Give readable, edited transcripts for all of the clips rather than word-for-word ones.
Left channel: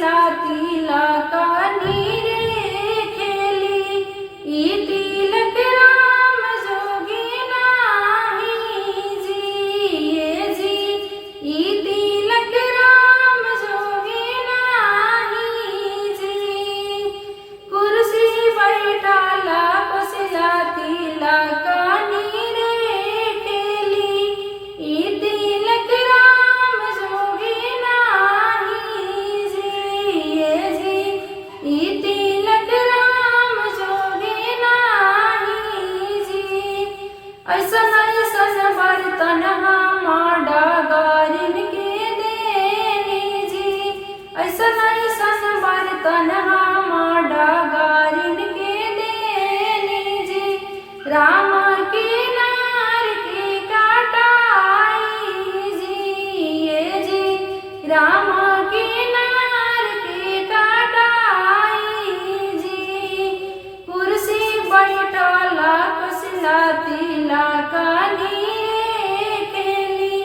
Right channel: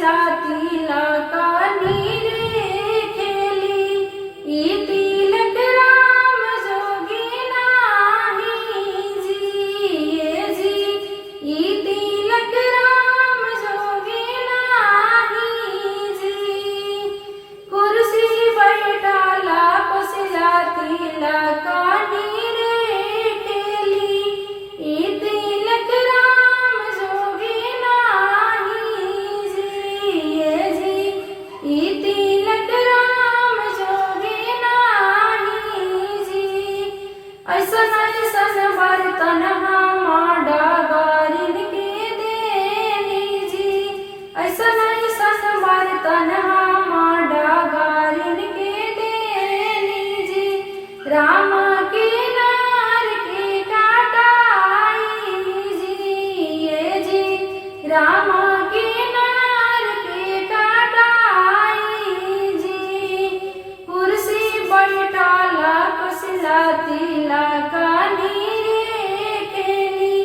कसलाती लाकानी रे खेली। ई तिलक राम जोगी नाही जी, ये जी ई तिलक राम जोगी नाही जी। कुर्सी बैठाला कसलाती लाकानी रे खेली। ई तिलक राम जोगी नाही जी, ये जी ई तिलक राम जोगी नाही जी। ऐसन ऐसन बर्तन हम डगारिन के देनी जी, ऐसन ऐसन बर्तन हम डगारिन के देनी जी। राम के नार के काटाई जी, ये जी राम के नार के काटाई जी। कुर्सी बैठाला कसलाती लाकानी रे खेली।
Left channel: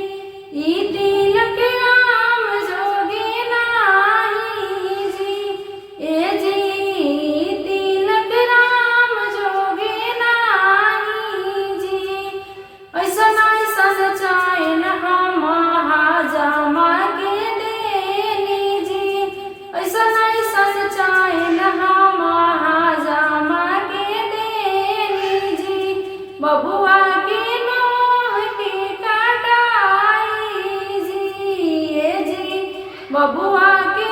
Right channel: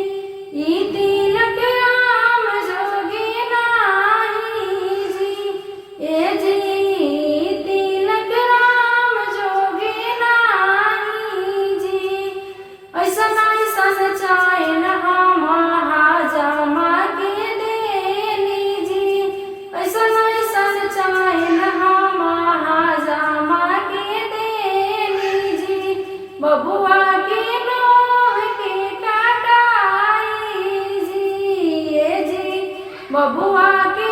ई तिलक राम जोगी नाही जी, ये जी ई तिलक राम जोगी नाही जी। ऐसन ऐसन चाइन हम हाजमा के देनी जी, ऐसन ऐसन चाइन हम हाजमा के देनी जी। बबुआ के नोह के काटाई जी, ये जी बबुआ के